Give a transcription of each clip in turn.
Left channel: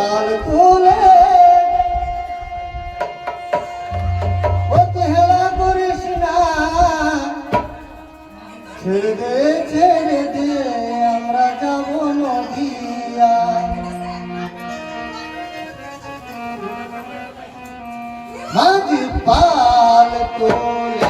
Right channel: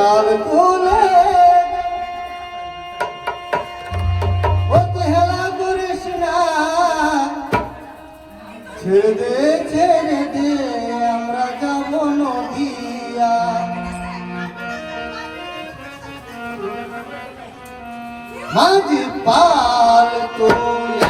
পাল তুলে হেলা করিস না, ছেড়ে দে আমরা যাব নদিয়া। মাঝি পাল তুলে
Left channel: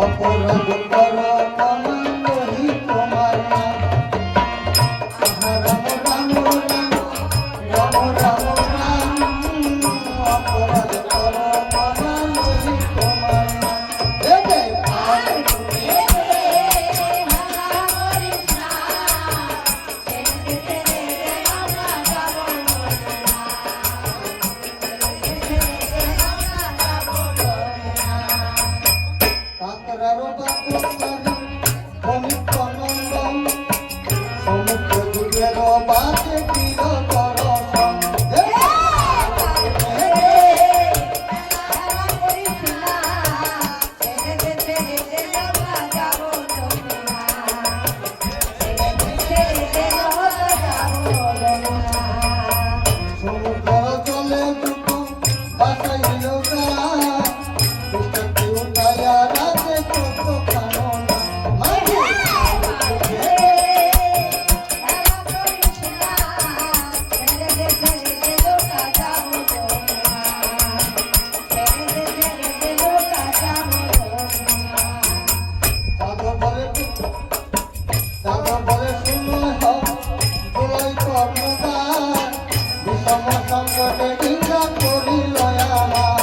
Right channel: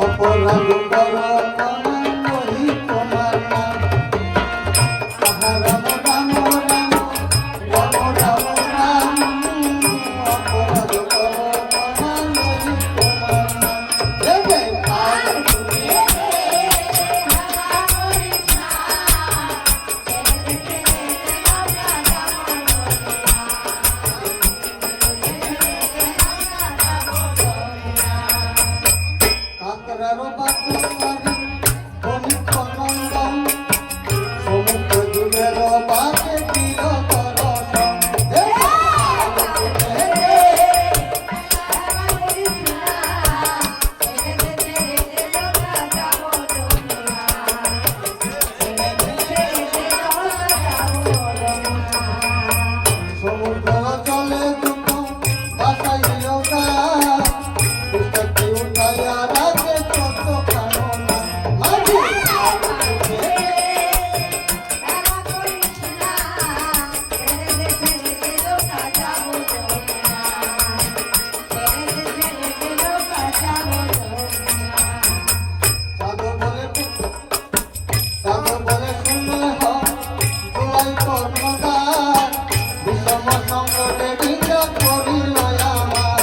অপরাধ করো আমি তোমার নাম। রাম রাম রাম রাম রাম রাম, অপরাধ করো আমি তোমার নাম। দেবে পাল কাকরারো বাপু অমিত নন্দন, সমুদ্র যুগের বাপে প্রিয় করসন। সমুদ্র জলে দুটো বাসাইল গাছ, পুস্তকটি উঠাইয়া রাখে কত কারণ। মাঝি সাগর বলে শুনে হোলাই কর্ণদার, বিষম সঙ্গে হিংসা করিল আমার।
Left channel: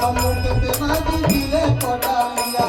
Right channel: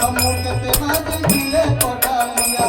সম্মুখে মাঝি দিলে পড়ালিয়া।